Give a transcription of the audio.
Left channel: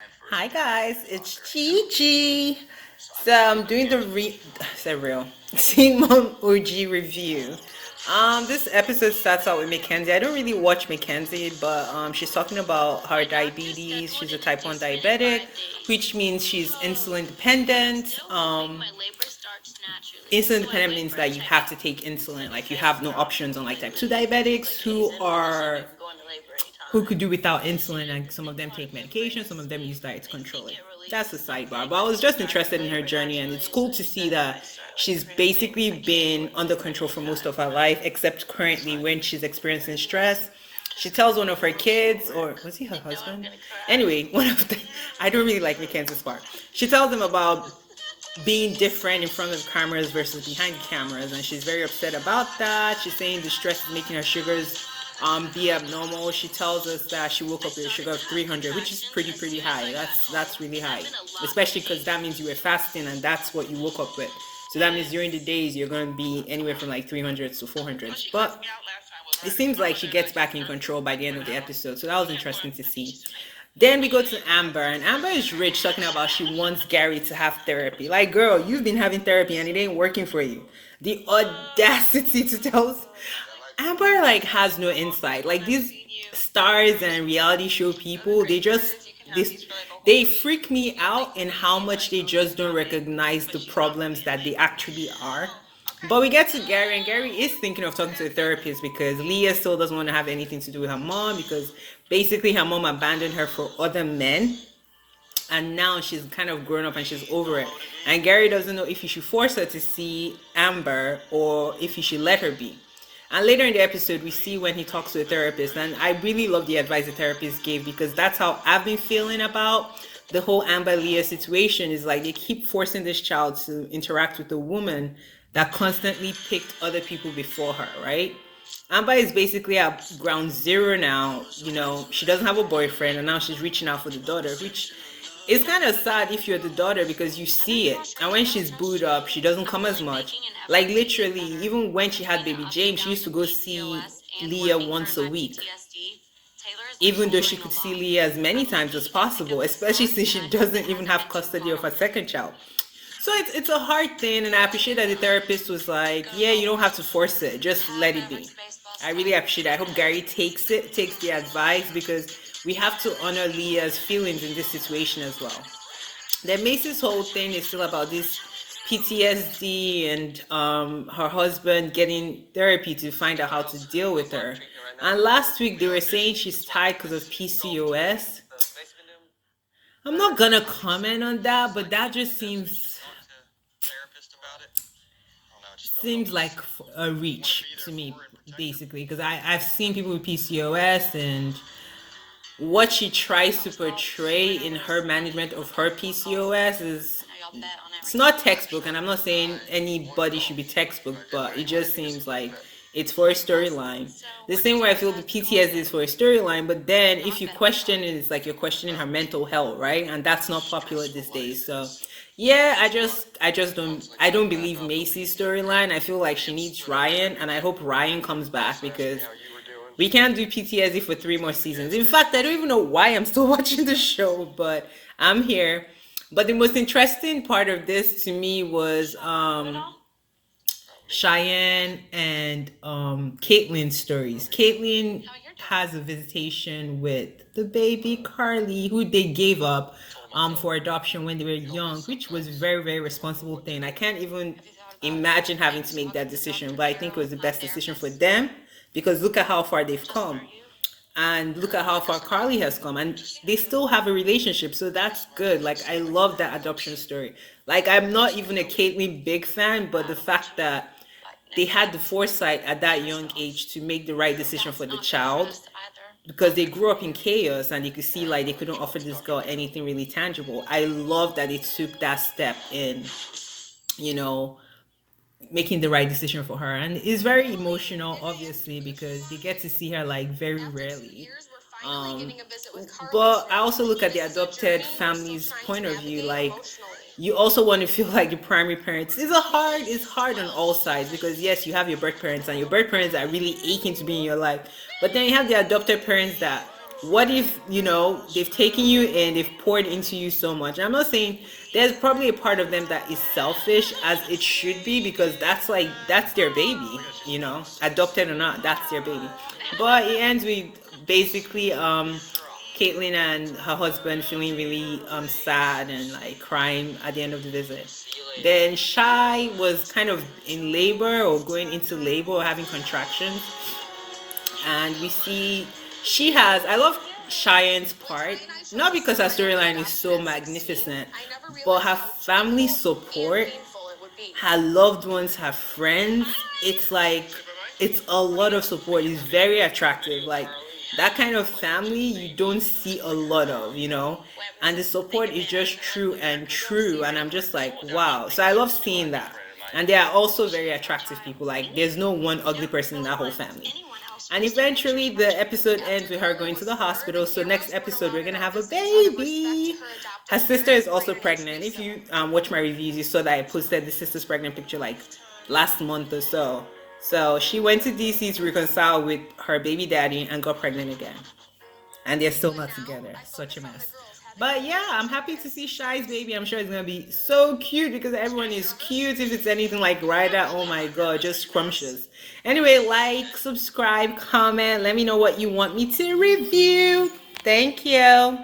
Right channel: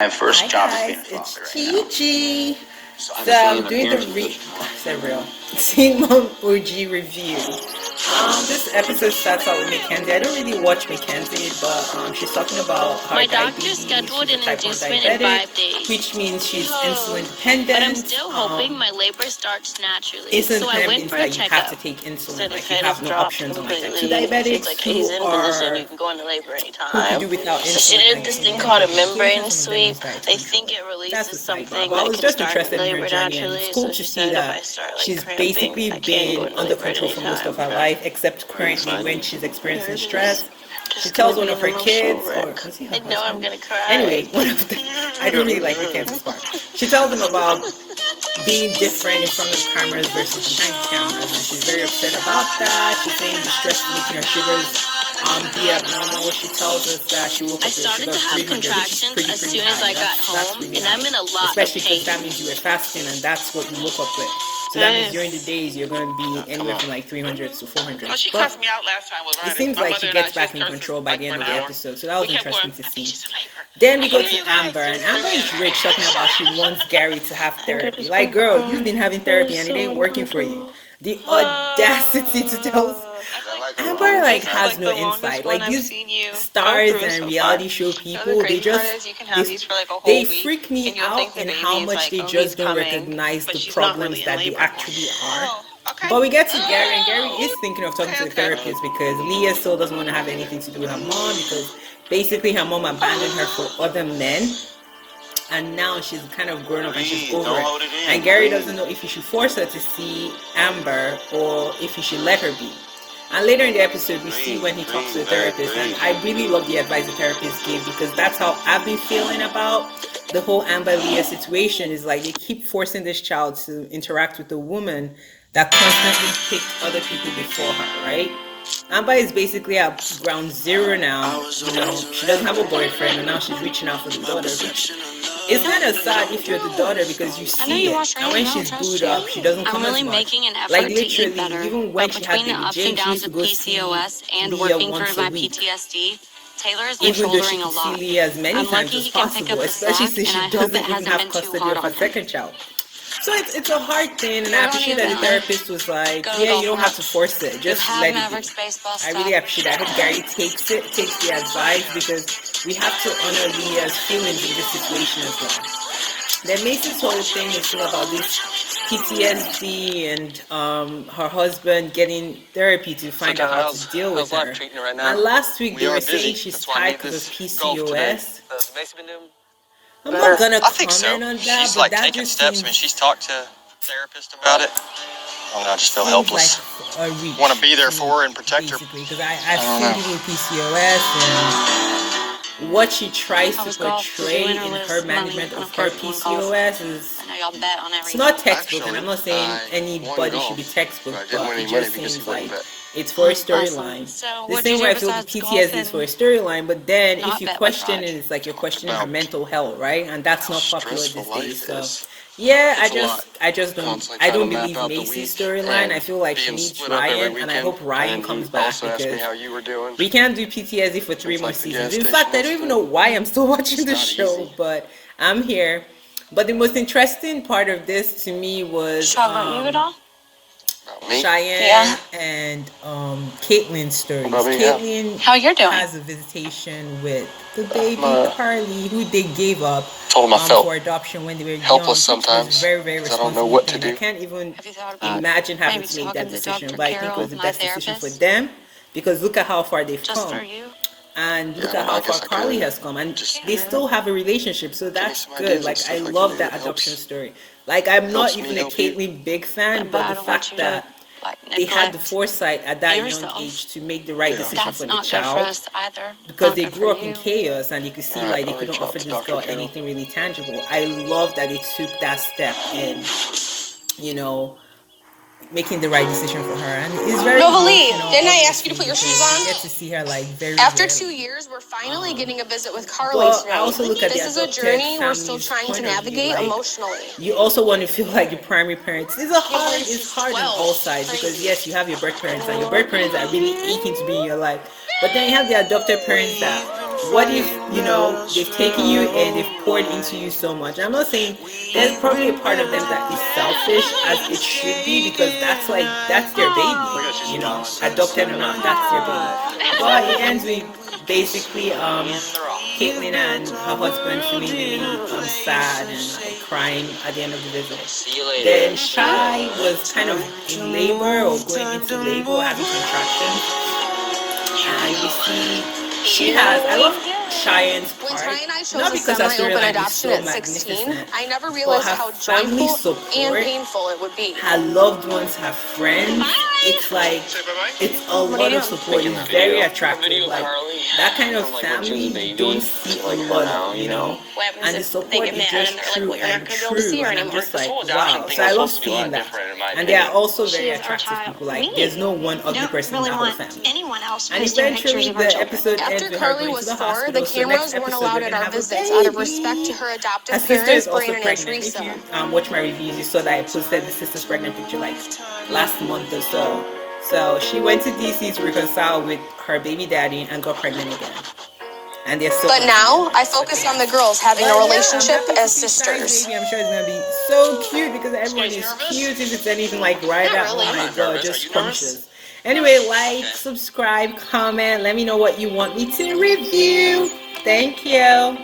My first Hi job guys, as being a it's father. Chi. So So I'm doing the Simone OG review. This episode starts out with Mackenzie. I don't really watch Mackenzie, but she's talking about her diabetes. She's a type 1 diabetic, which means she's insulin dependent. Insulin dependent means that you have to take insulin, like you have no options, unlike type 2 diabetics who could do without insulin, like some of them take medication, some of them use diet to control it. That's a sidebar. But I was just interested in her journey, and it's cool to see that she's basically been under control for most of her life, except currently when she's experiencing stress. She tells one of her kids, or was he her husband? Anyway, one of the, I don't really like the Kansas part. She tells them about being different in front of the cameras versus behind the cameras, and she's very upset about that. She's saying the stress is making her sugars be abnormal. She tells us that she woke up with a sugar of 300, which is pretty high. That's really high, especially because that means you were fasting and that's what you woke up with. So that means during the days you're going to be anywhere from like 300 to 400. But it seems like she gets back in control by the end of the episode. So that was interesting to see. Then we go to Amber, and Amber is rich, talking about she wants Gary to have therapy. Like, girl, you've been having therapy and it ain't working for you. The audacity to tell Amber like has no insight. Like these stars and reality show people, they freak me out in how much they just don't recognize the problems that they actually are. But we get to Gary, and Gary is thinking of talking to a therapist because Leah still doesn't want to have anything to do with her mom because basically her mom abandoned her for other men, and now she's kind of grown up and she's over it. And Gary doesn't know if he should force her to see Amber or if he should let her be. And later in the episode, we see when he talks to the therapist, and I really love the advice the therapist gave because that's how I've been feeling about the whole Amber Leah situation. Is like they keep forcing this child to interact with a woman that constantly picked other people before her, right? Amber is basically at ground zero now. You know, she doesn't have a boyfriend, and now she's reaching out for the daughter, which it's kind of sad if you're the daughter because you see it. And when she's booed up, she doesn't come as much. Like literally, even when she had baby Jane, she used to go see Leah once a week. Even though she could see Leah as many times as possible, especially since she doesn't even have custody of her second child. So it's a hard thing, and I appreciate that the therapist was like, yeah, you don't have to force it, just let it be. I really appreciate that. I hope Gary takes the advice, because we have to honor Leah's feelings in this situation as well. Then Macy's whole thing is still about this PTSD and her husband getting therapy to find out how to deal with her. And last week they were saying she's tired because of PCOS. I'm not gonna comment on that, but that just seems. She's talked to therapist about it. I just feel helpless. Like a reach. Want to be there for her and protect her. Basically, because I've seen people with PCOS, and what she tries to portray in her management of her PCOS is it's not textbook, and I'm not saying anybody should be textbook, but it just seems like it's for a storyline. The same way I feel the PTSD is for a storyline, but then if you question it, it's like you're questioning her mental health, right? And that's not popular these days. So yeah, I don't believe Macy's storyline. I feel like she needs Ryan, and I hope Ryan comes back because we can't do PTSD for 3 more seasons. In fact, I don't even know why I'm still watching the show, but I'm here. But the most interesting part of this to me was Cheyenne and Caitlin's stories. Caitlin has a visitation with the baby Carly, who they gave up for adoption when they were young, which was a very responsible thing. I can't even imagine having to make that decision, but I think it was the best decision for them because look at how far they've come. And look at how far Carly has come, and they still have a relationship, so that's good. Like, I love that adoption story. Like, I'm not even a Caitlyn big fan, but the fact that they had the foresight at that young age to make the right decision for the child, because they grew up in chaos and you could see like they couldn't offer this girl anything really tangible. I love that they took that step in, you know, making the right decision for her, and it's very emotional. Didn't I ask you to put your shoes on? You get to see her like very After rarely. 2 years, we're finally getting a visit with Carly. But I also look at the adopted family's point of view. Like, you also want to feel like your primary parents. It's hard on all sides because yes, you have your birth parents, and your birth parents are really aching to be in your life, but then you have the adopted parents that what if, you know, they've taken you and they've poured into you so much? I'm not saying there's probably a part of them that is selfish, as it should be, because that's like, that's their baby, you know, adopted or not, that's their baby. But it ends with basically Caitlyn and her husband feeling really sad and like crying at the end of the visit. Then Shy was kind of in labor or going into labor or having contractions, and you see she has, I love Cheyenne's part, not because her storyline is so magnificent, but her family support, her loved ones, her friends. It's like, it's a lot of support. It's very attractive. Like, that kind of family you don't see a lot of, you know, and the support is just true and true, and I'm just like, wow. So I love seeing that. And they are also very attractive people. Like, there's no one ugly person in that whole family. And eventually the episode ends with her going to the hospital. So next episode we're gonna have a baby. Her sister is also pregnant. If you watch my reviews, you saw that I posted the sister's pregnant picture like last month or so. So she went to DC to reconcile with her baby daddy and got pregnant again. And they're so. But now I focus on the girls having a relationship as sisters. Baby. I'm sure it's gonna be so cute because everyone is cute. If it's anything like Ryder, oh my god, just scrumptious. Anyway, like, subscribe, comment, let me know what you want me to review. Thank you.